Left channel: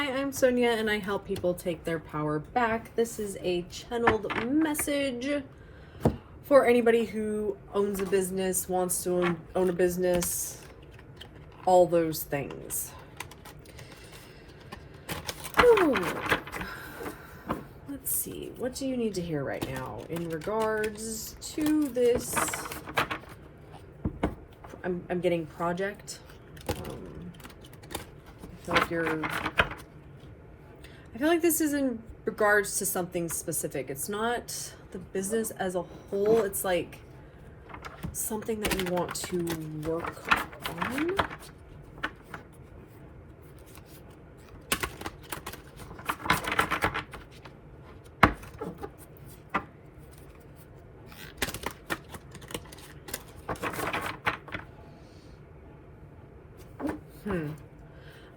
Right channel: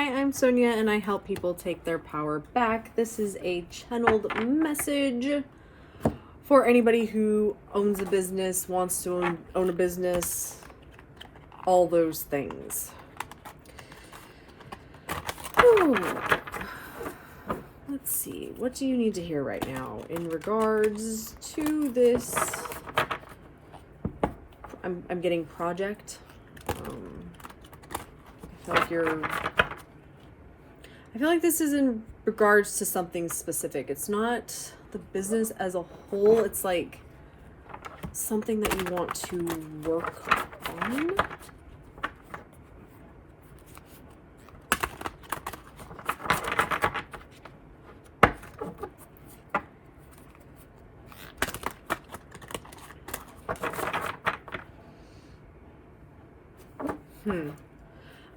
Hi, I'm Sonia and I help people take their power back. This is a channeled message for anybody who owns a business, wants to own a business, all those things. Ooh. Let's see, what do you need to hear right now in regards to this? I'm getting project. I feel like this is in regards to something specific. It's not the business as a whole. It's like something that you want to work on.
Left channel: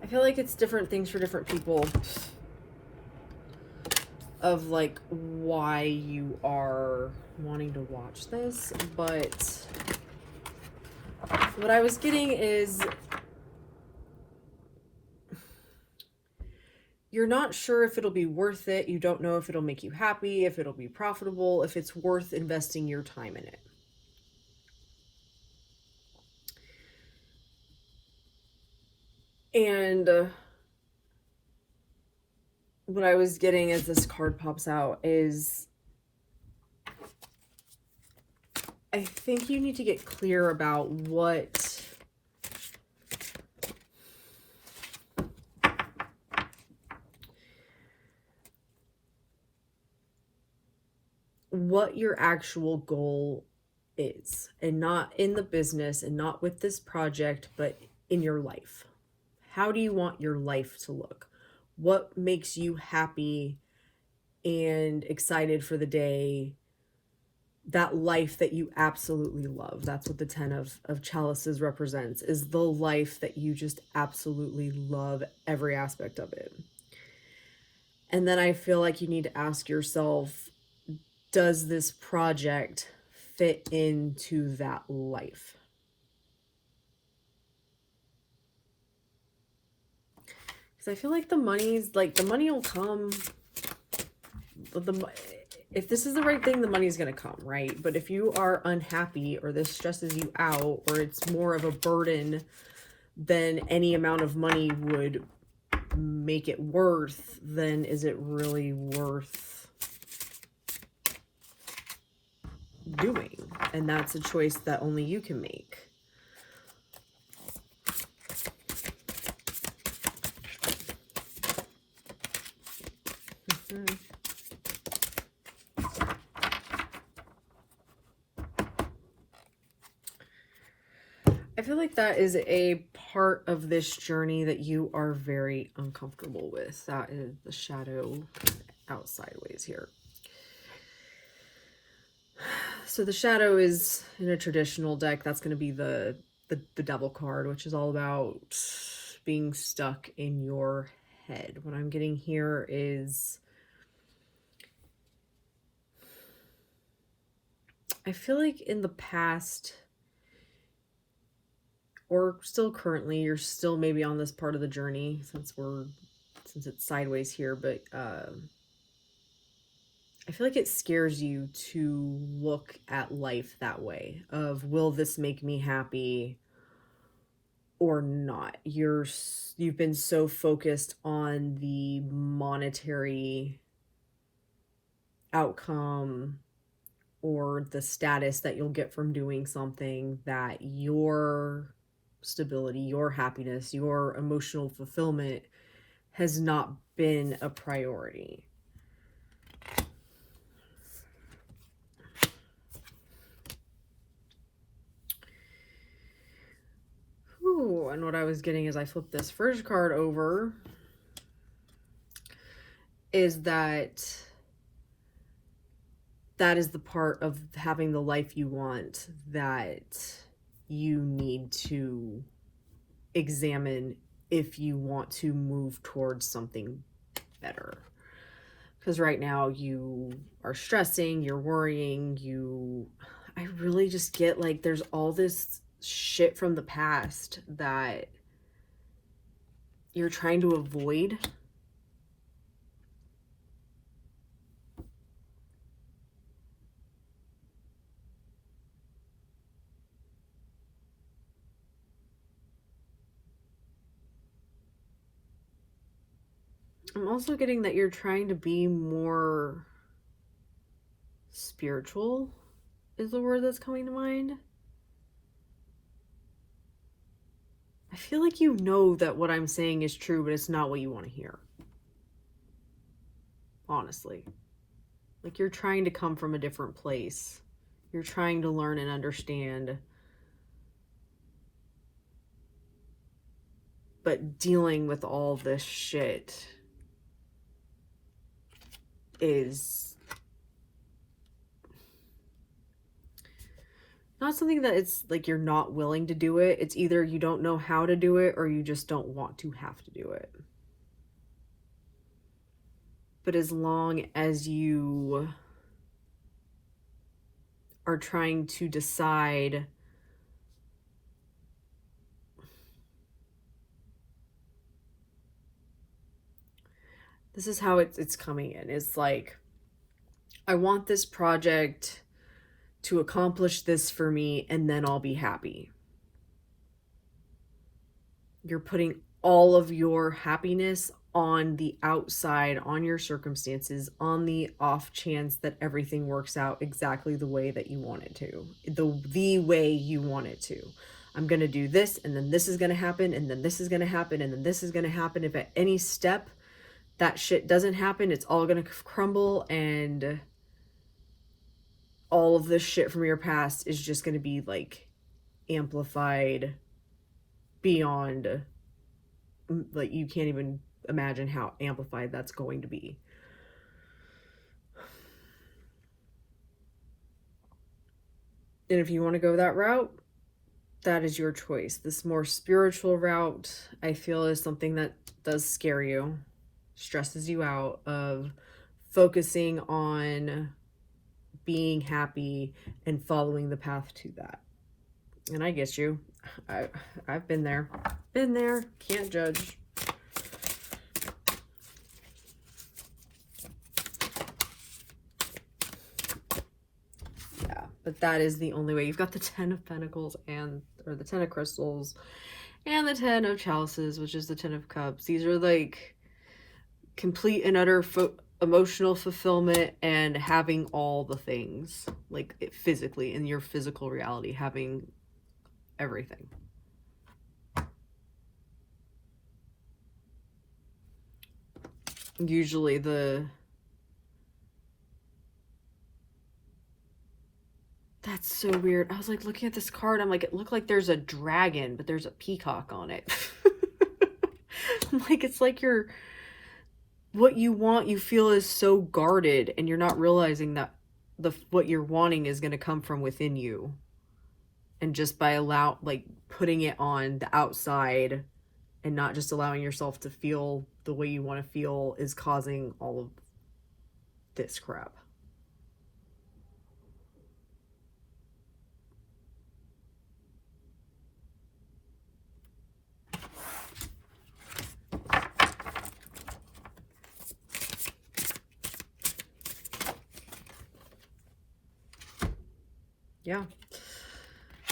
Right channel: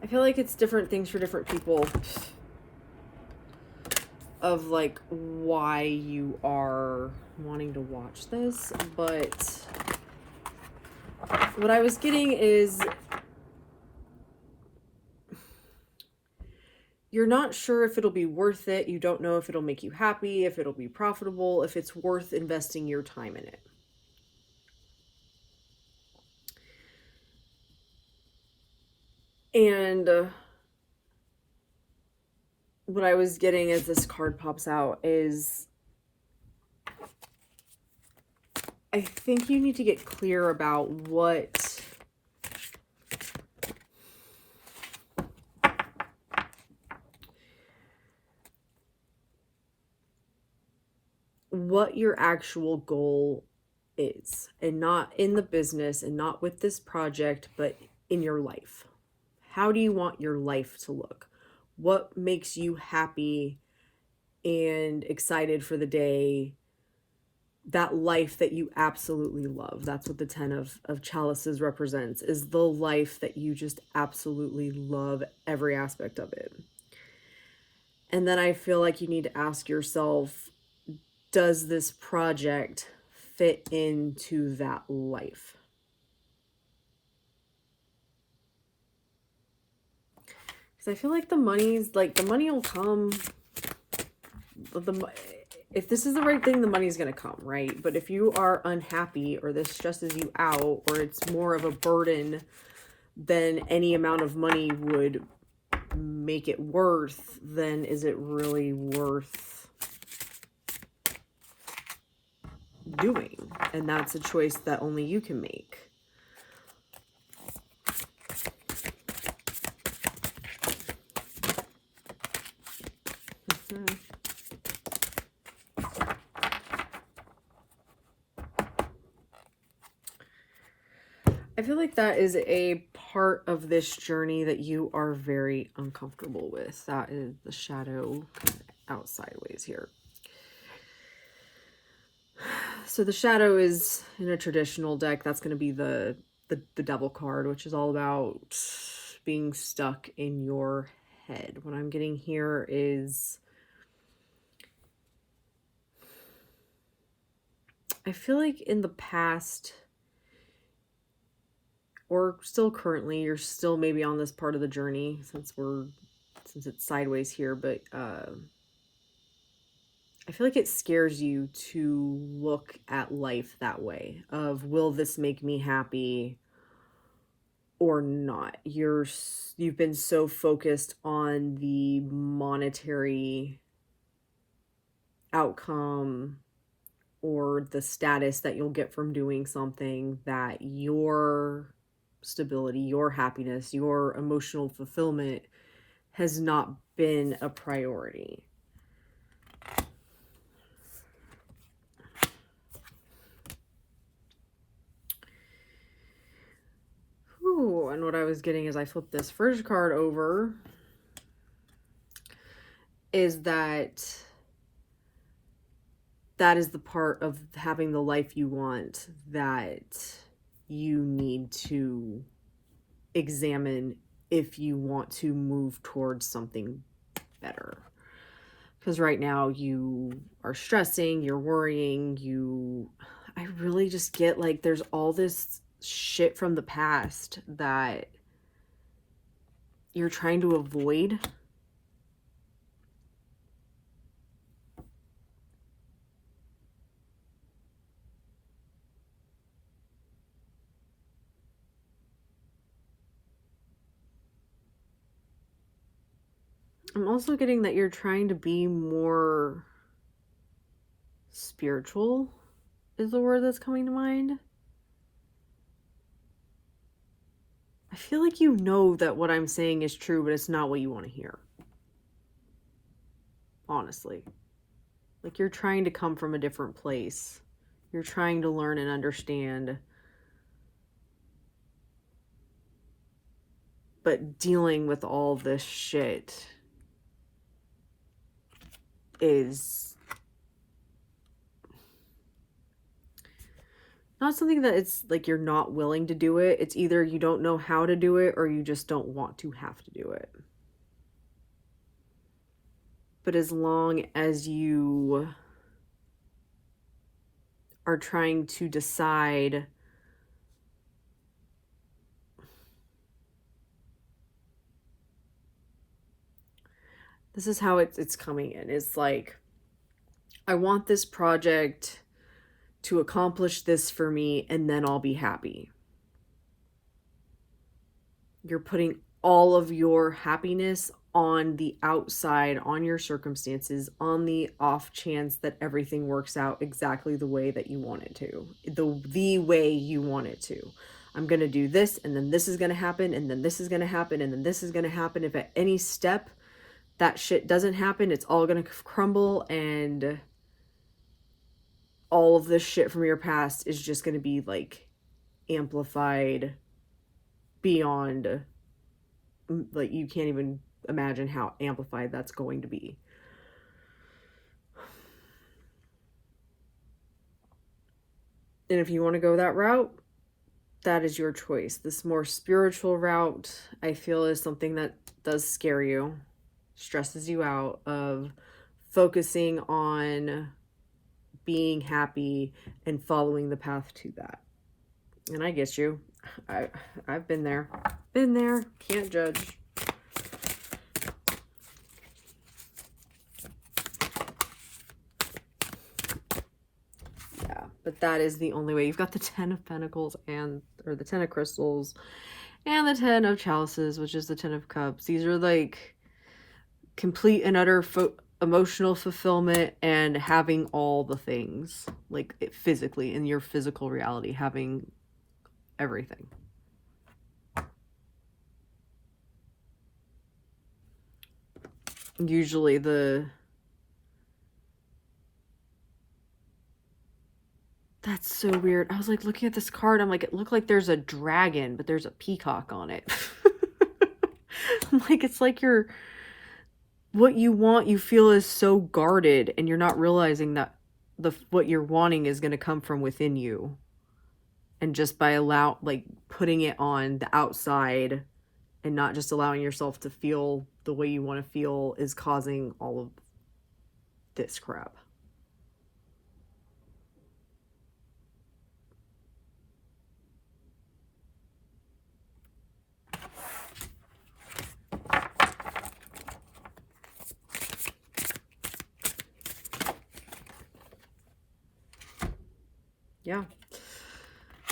I feel like it's different things for different people of like why you are wanting to watch this, but what I was getting is you're not sure if it'll be worth it. You don't know if it'll make you happy, if it'll be profitable, if it's worth investing your time in it. And what I was getting as this card pops out is I think you need to get clear about what your actual goal is, and not in the business and not with this project, but in your life. How do you want your life to look? What makes you happy and excited for the day? That life that you absolutely love. That's what the 10 of chalices represents, is the life that you just absolutely love, every aspect of it. And then I feel like you need to ask yourself, does this project fit into that life? Because I feel like the money will come. If this is the right thing, the money's going to come, right? But if you are unhappy, or this stresses you out, or it's more of a burden than any amount of money would make it worth, then is it really worth doing? And that's a choice that only you can make. I feel like that is a part of this journey that you are very uncomfortable with. That is the shadow out sideways here. So the shadow is in a traditional deck. That's going to be the devil card, which is all about being stuck in your head. What I'm getting here is I feel like in the past, or still currently, you're still maybe on this part of the journey since it's sideways here, but I feel like it scares you to look at life that way of, will this make me happy or not? You've been so focused on the monetary outcome or the status that you'll get from doing something, that your stability, your happiness, your emotional fulfillment has not been a priority. Ooh, and what I was getting as I flipped this first card over is that is the part of having the life you want that you need to examine if you want to move towards something better. Because right now you are stressing, you're worrying, I really just get like there's all this shit from the past that you're trying to avoid, I'm also getting that you're trying to be more spiritual, is the word that's coming to mind. I feel like you know that what I'm saying is true, but it's not what you want to hear. Honestly. Like, you're trying to come from a different place. You're trying to learn and understand. But dealing with all this shit is not something that it's like you're not willing to do it. It's either you don't know how to do it or you just don't want to have to do it. But as long as you are trying to decide this is how it's coming in. It's like, I want this project to accomplish this for me and then I'll be happy. You're putting all of your happiness on the outside, on your circumstances, on the off chance that everything works out exactly the way that you want it to. The way you want it to. I'm going to do this, and then this is going to happen, and then this is going to happen, and then this is going to happen. If at any step that shit doesn't happen, it's all going to crumble, and all of this shit from your past is just going to be like amplified beyond, like, you can't even imagine how amplified that's going to be. And if you want to go that route, that is your choice. This more spiritual route, I feel, is something that does scare you, stresses you out, of focusing on being happy and following the path to that. And I get you. I've been there. Been there. Can't judge. But that is the only way. You've got the 10 of Pentacles or the 10 of Crystals and the 10 of Chalices, which is the 10 of Cups. These are like complete and utter emotional fulfillment and having all the things, like physically, in your physical reality, having everything. Usually that's so weird. I was like looking at this card. I'm like, it looked like there's a dragon, but there's a peacock on it. I'm like, it's like what you want, you feel is so guarded, and you're not realizing that what you're wanting is going to come from within you. And just by putting it on the outside and not just allowing yourself to feel the way you want to feel is causing all of this crap.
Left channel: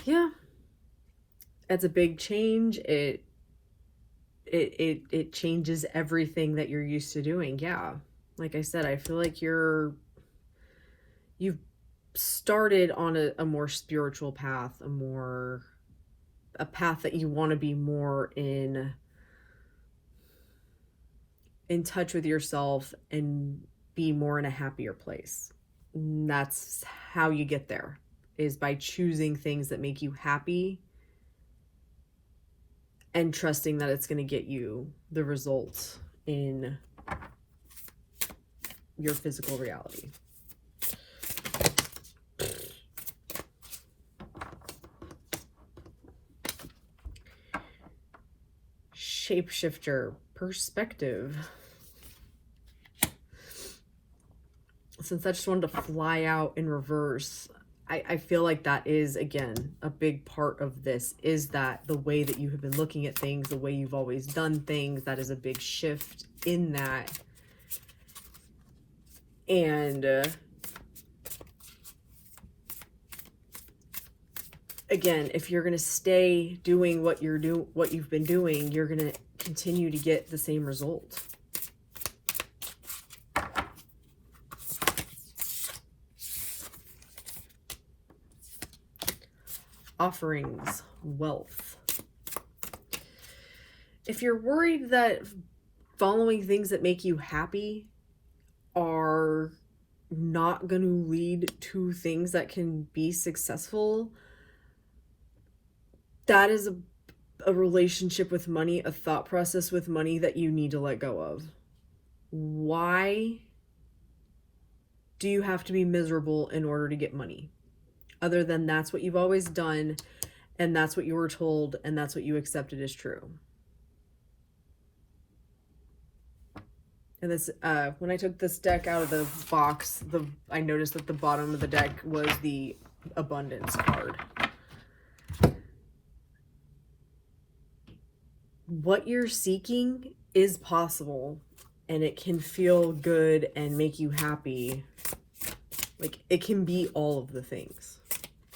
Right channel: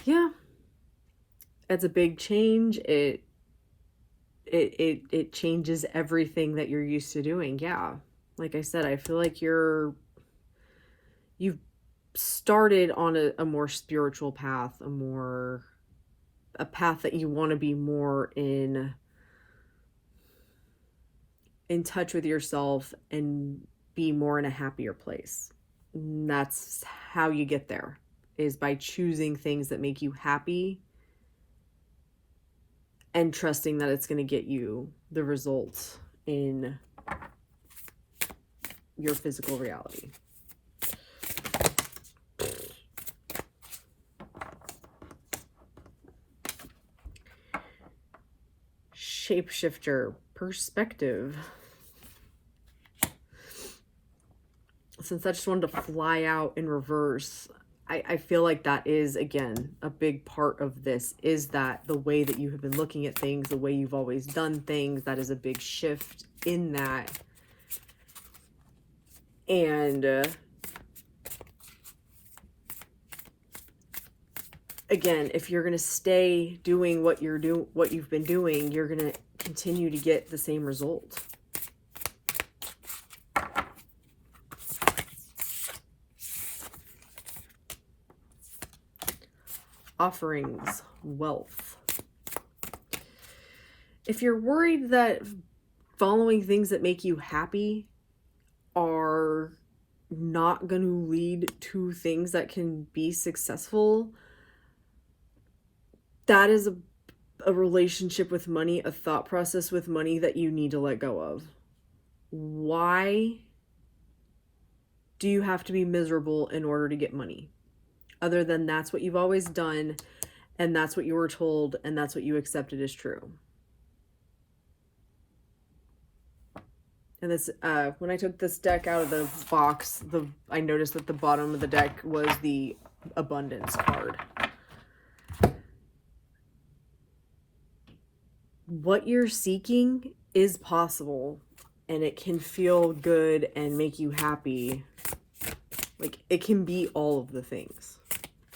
Yeah. It's a big change. It changes everything that you're used to doing. Yeah. Like I said, I feel like you've started on a more spiritual path, a path that you want to be more in touch with yourself and be more in a happier place. And that's how you get there, is by choosing things that make you happy and trusting that it's going to get you the results in your physical reality. Shapeshifter perspective. Since I just wanted to fly out in reverse, I feel like that is, again, a big part of this, is that the way that you have been looking at things, the way you've always done things, that is a big shift in that. And again, if you're going to stay doing what you've been doing, you're going to continue to get the same result. offerings, wealth. If you're worried that following things that make you happy are not going to lead to things that can be successful, that is a relationship with money, a thought process with money that you need to let go of. Why do you have to be miserable in order to get money? Other than that's what you've always done, and that's what you were told, and that's what you accepted as true. And this, when I took this deck out of the box, I noticed that the bottom of the deck was the abundance card. What you're seeking is possible, and it can feel good and make you happy. Like, it can be all of the things,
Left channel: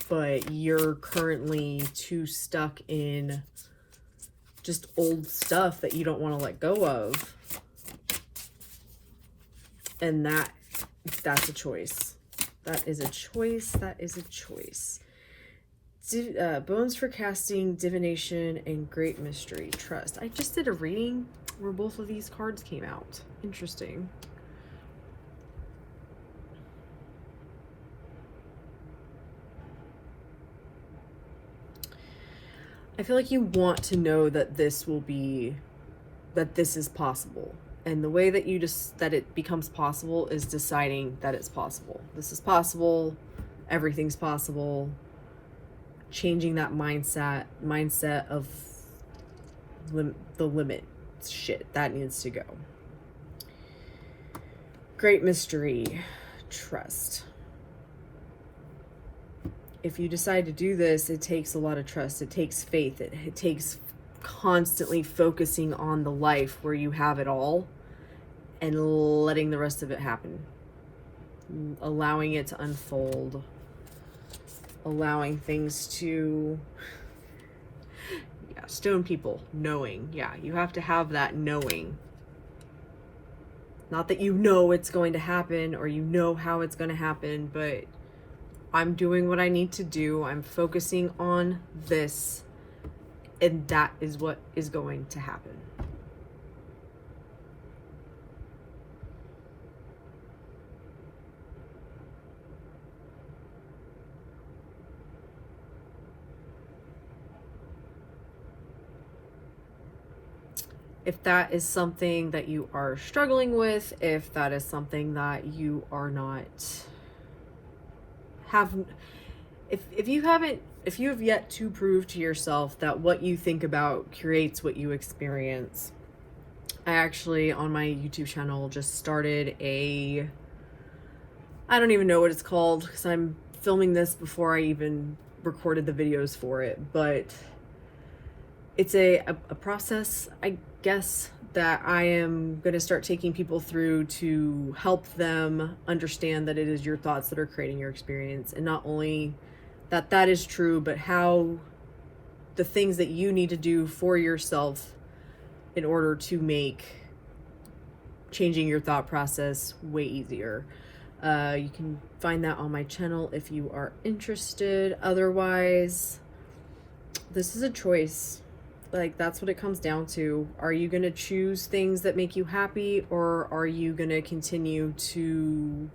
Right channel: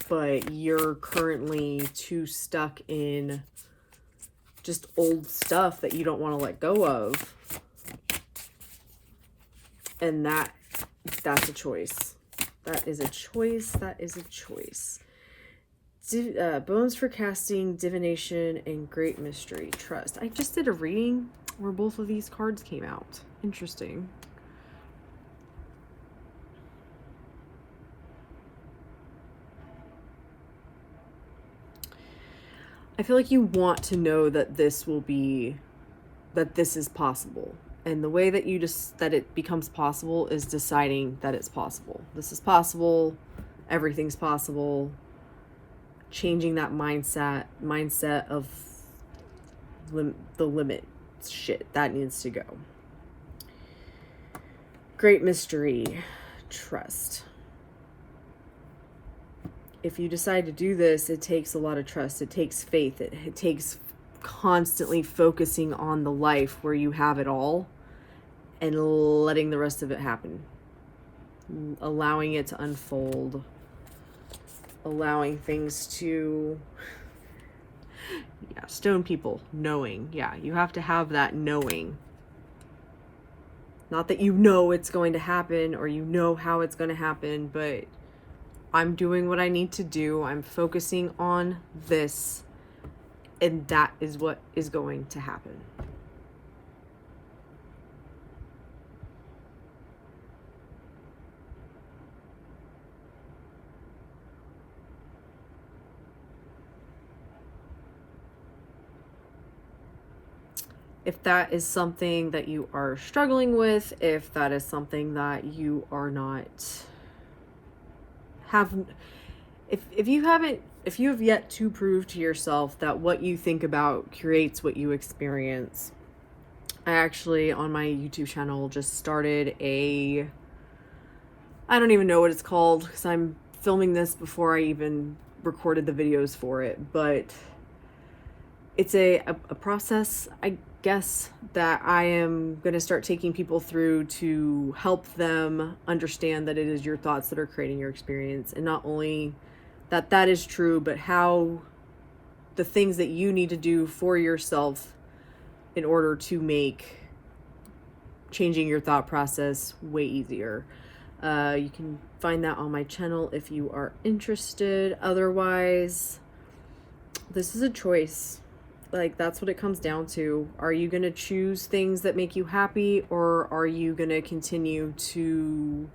but you're currently too stuck in just old stuff that you don't want to let go of. And that's a choice. That is a choice. That is a choice. Bones for casting, divination, and great mystery, trust. I just did a reading where both of these cards came out. Interesting. I feel like you want to know that this is possible. And the way that that it becomes possible is deciding that it's possible. This is possible. Everything's possible. Changing that mindset of the limit shit that needs to go. Great mystery, trust. If you decide to do this, it takes a lot of trust. It takes faith. It takes constantly focusing on the life where you have it all and letting the rest of it happen. Allowing it to unfold. Allowing things to... Yeah, stone people. Knowing. Yeah, you have to have that knowing. Not that you know it's going to happen or you know how it's going to happen, but I'm doing what I need to do. I'm focusing on this, and that is what is going to happen. If that is something that you are struggling with, if that is something that you are not if you have yet to prove to yourself that what you think about creates what you experience, I actually on my YouTube channel just started I don't even know what it's called because I'm filming this before I even recorded the videos for it, but it's a process, I guess, that I am going to start taking people through to help them understand that it is your thoughts that are creating your experience, and not only that is true, but how the things that you need to do for yourself in order to make changing your thought process way easier. You can find that on my channel if you are interested. Otherwise, this is a choice. Like, that's what it comes down to. Are you going to choose things that make you happy, or are you going to continue to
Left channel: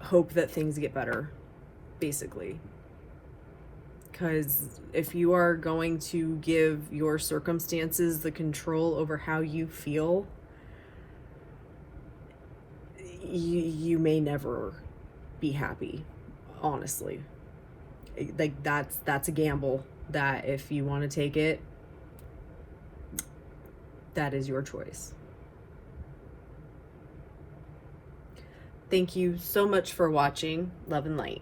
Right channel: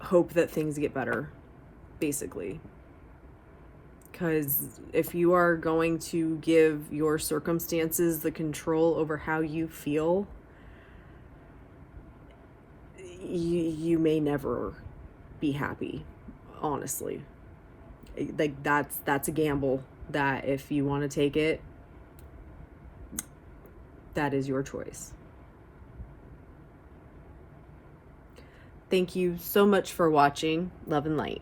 hope that things get better, basically? Because if you are going to give your circumstances the control over how you feel, you may never be happy, honestly. Like, that's a gamble that if you want to take it, that is your choice. Thank you so much for watching. Love and light.